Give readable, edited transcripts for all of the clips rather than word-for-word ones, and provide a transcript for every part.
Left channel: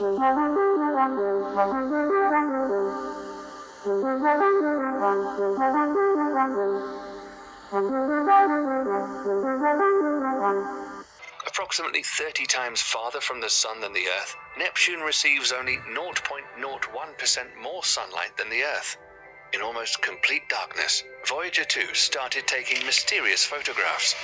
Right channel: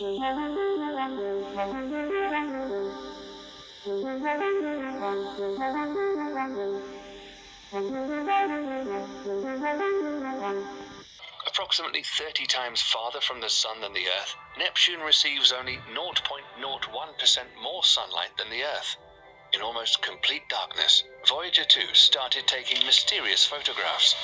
Approximately 30 times farther from the Sun than the Earth, Neptune receives only 0.01% more sunlight than the Earth. In almost complete darkness, Voyager 2 started taking mysterious photographs.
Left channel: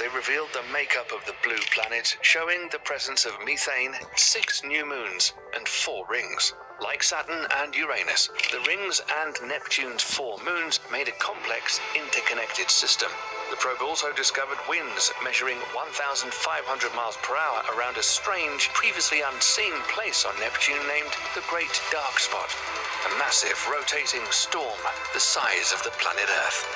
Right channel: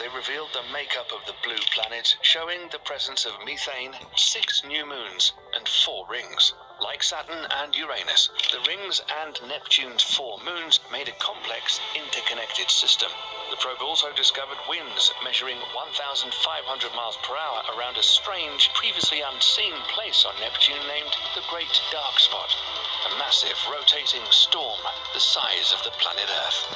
They revealed the makeup of the blue planet, showing the presence of methane, 6 new moons, and 4 rings. Like Saturn and Uranus, the rings and Neptune's 4 moons made a complex, interconnected system. The probe also discovered winds measuring 1,500 miles per hour around a strange, previously unseen place on Neptune named the Great Dark Spot, a massive rotating storm the size of the planet Earth.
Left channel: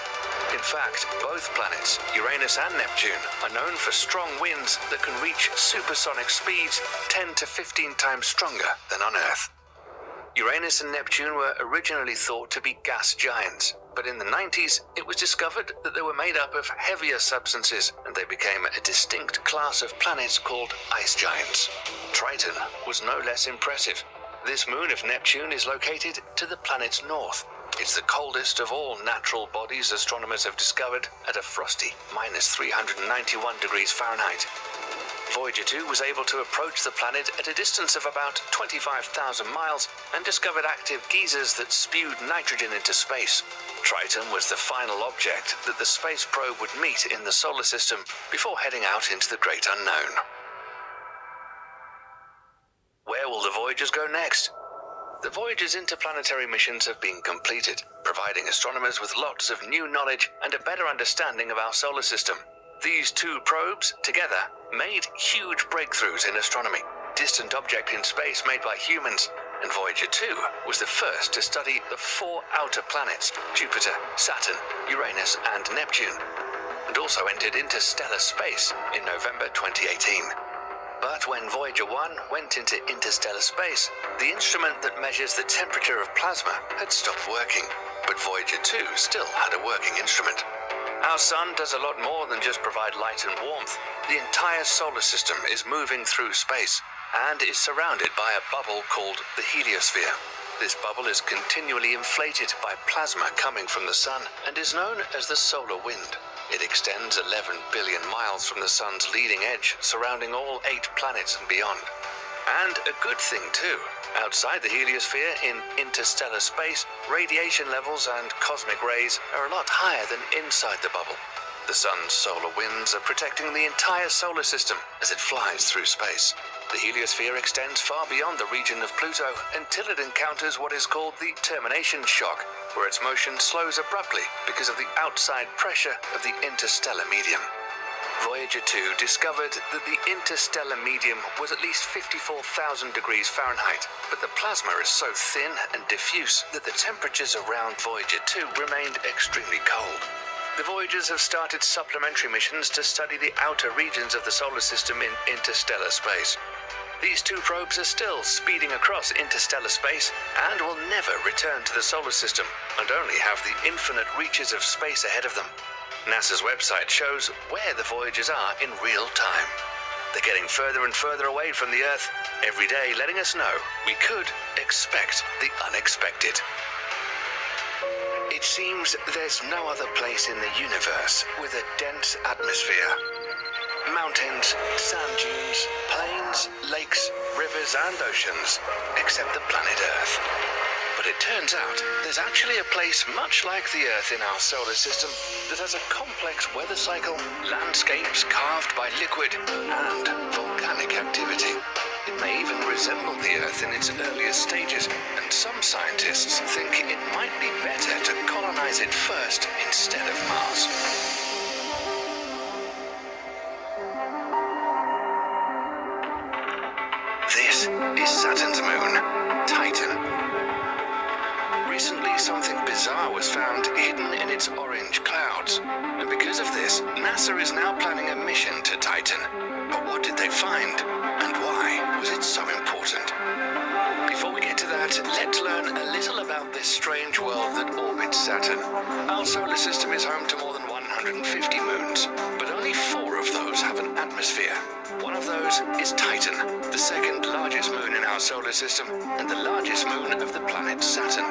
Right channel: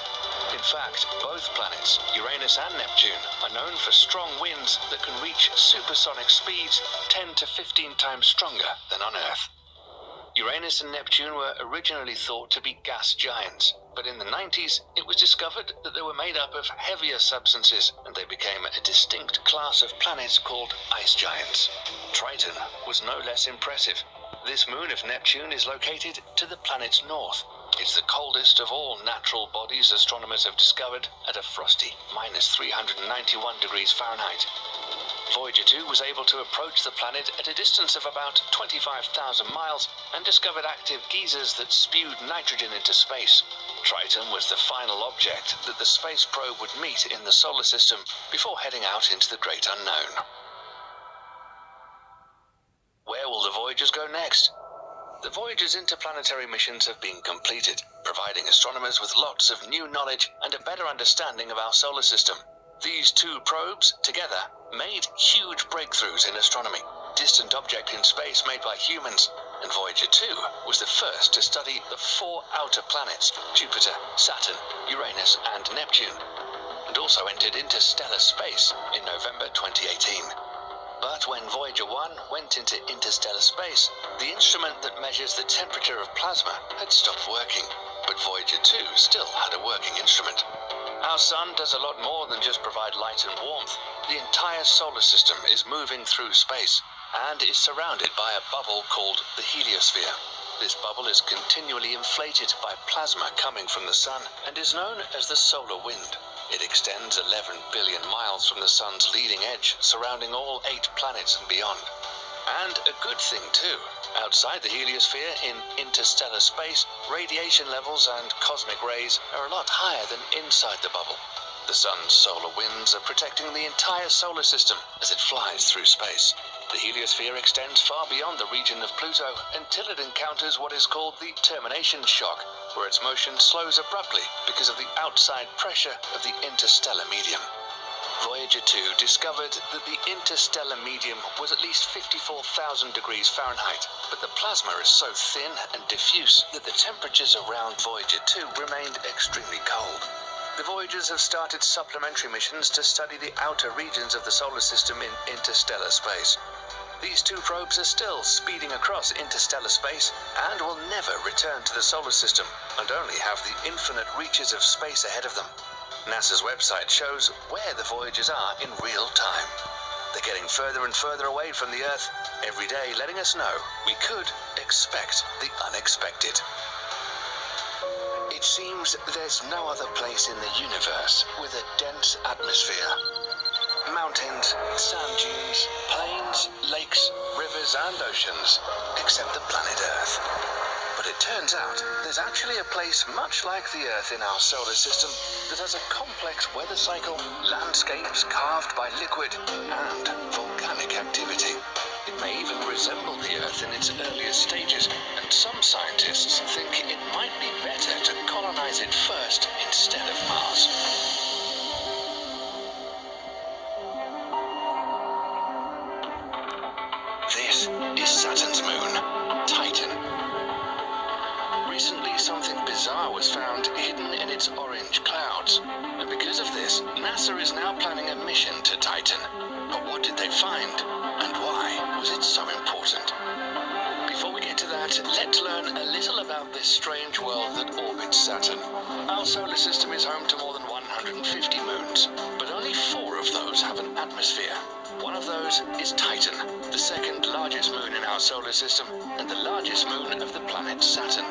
In fact, both planets, Uranus and Neptune, are known for strong winds that can reach supersonic speeds 10 to 15 times stronger than on Earth. Uranus and Neptune were originally thought to be gas giants, but in the 90s it was discovered that they were made up of heavier substances, and they became a distinct class of planets called ice giants. Triton was no less impressive. This moon of Neptune is located to the planet's north. It's the coldest of all natural bodies astronomers have discovered, at a frosty -391 degrees Fahrenheit. Voyager 2 was able to approach the planet at a distance of about 25,000 miles and discovered active geysers that spewed nitrogen into space. Triton was the final object that the space probe would meet in the solar system before heading out into the great unknown. Where will the Voyagers go next? The Voyager's interplanetary missions have been completed, providing astronomers with lots of new knowledge and a better understanding of our solar system. These 2 probes, together, made huge breakthroughs in astronomy. Distant object in space made by humans, and Voyager 2 was the first to study the 4 outer planets, Jupiter, Saturn, Uranus, and Neptune, and also entered interstellar space in November 2018. But when Voyager 1 went into interstellar space, the instrument that measures the temperature of plasma had stopped working, but Voyager 2 still had a working instrument. Our Sun does a lot more than just provide light and warmth. The entire solar system is moving through space and is surrounded by a bubble called the heliosphere. This bubble is continually inflated by plasma coming from the Sun and is known as the solar wind. It extends 11 billion miles from the Sun's leading edge, surrounding all 8 planets and beyond. And a good thing too. Outside the heliosphere, in interstellar space, radiation levels and cosmic rays are a lot higher than inside the bubble. The Sun's solar winds are protecting the entire solar system as it flies through space. The heliosphere extends far beyond the region of Pluto until it encounters what is called the termination shock, where its motion slows abruptly because of the outside pressure of the interstellar medium. Voyager 2 discovered that the interstellar medium was at least 54,000 degrees Fahrenheit, but the plasma is so thin and diffuse that the temperatures around Voyager 2 remained extremely cold. The Voyagers have started supplementary missions to study the outer regions of the solar system in interstellar space. These 2 probes are still speeding across interstellar space and will never return to the solar system and only have the infinite reaches of space ahead of them. NASA's website shows where the Voyagers are in real time. They're getting further and further away from the Earth, every day letting us know we could expect the unexpected. It seems there's no other place in the universe with a dense atmosphere. Mountains, sand dunes, plains, lakes, rivers and oceans, except the planet Earth. But it turns out there's actually a place much like the Earth in our solar system that has a complex weather cycle, landscapes carved by liquid, and volcanic activity. It may even resemble the Earth in its earliest stages, and some scientists think it might be better to colonize it first instead of Mars. This is Saturn's moon, Titan. Recently, something bizarre was found hidden in its orange clouds, and because of this, NASA is now planning a mission to Titan. But what did they find, and why was it so important? Before we get to that, let's learn a little about this strange world that orbits Saturn. Our solar system is home to more than 150 moons, but only 4 of those have an atmosphere. One of those is Titan, the second largest moon in our solar system and the largest moon of the planet Saturn.